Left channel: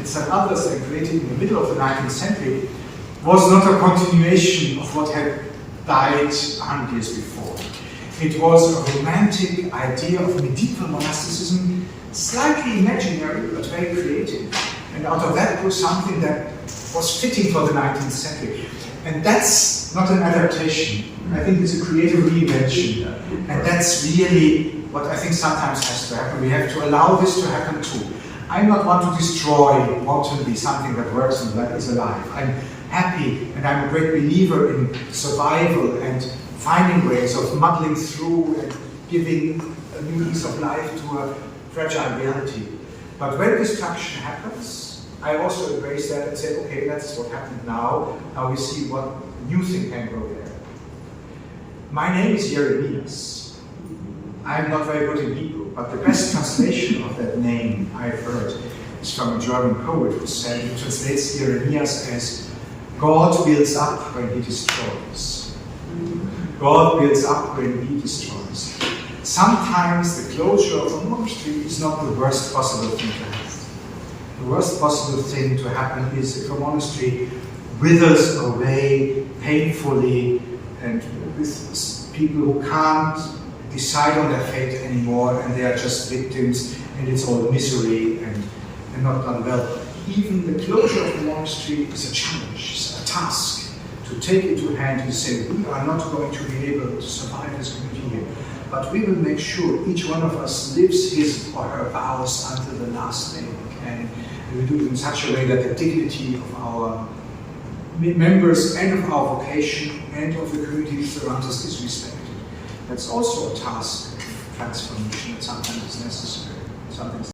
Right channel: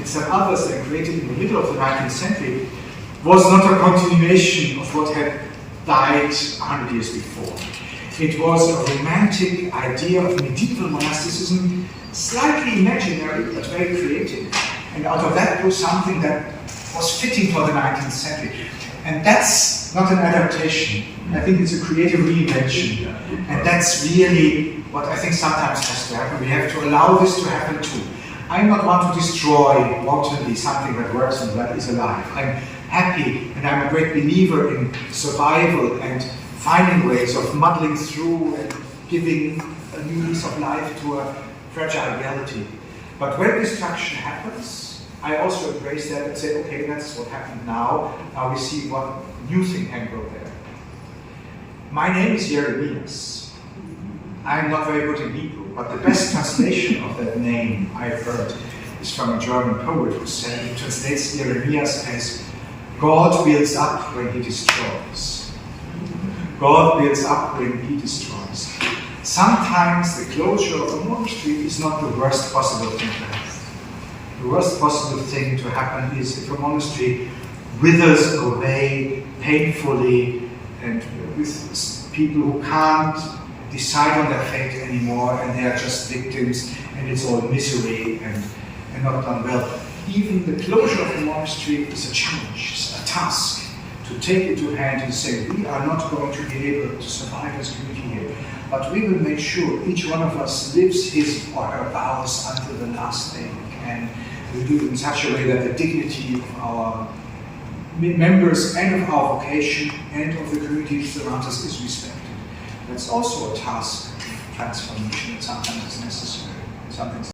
and some others they created in the middle of the 19th century, was not a continuation of what had died 100 years before. It was a romantic idea of medieval monasticism, slightly imaginary but very creative. And out of that grew something that was fitting for the 19th century. And that's not an adaptation. I think it's a creative reinvention. And that's really what I think sometimes has to happen. We have to allow this to happen too. I'm not one to destroy wantonly something that works and that is alive. I'm happy and I'm a great believer in survival and finding ways of muddling through and giving a new lease of life to a fragile reality. But when destruction happens, I also embrace that and say, okay, that's what happened now. Now we see what new thing can go there. My name is Jeremias. I'm not very good in Hebrew, but the best translation of that name I've heard is from a German poet who translates Jeremias as God builds up when he destroys. God builds up when he destroys. Sometimes the closure of a monastery is not the worst possible thing to happen. The worst possible thing to happen is if a monastery withers away painfully and with people who can't decide on their fate anymore and they are just victims and it's all misery and not done well. Even the closure of the monastery is a challenge, it's a task to take it to hand and say, we are not going to be able to survive this community here, but we will make sure each one of us lives his or her vows until the last day. And we do it in such a way that the dignity of our members and of our vocation and of the community around us is respected. That's also a task of transformation that sometimes is necessary. Sometimes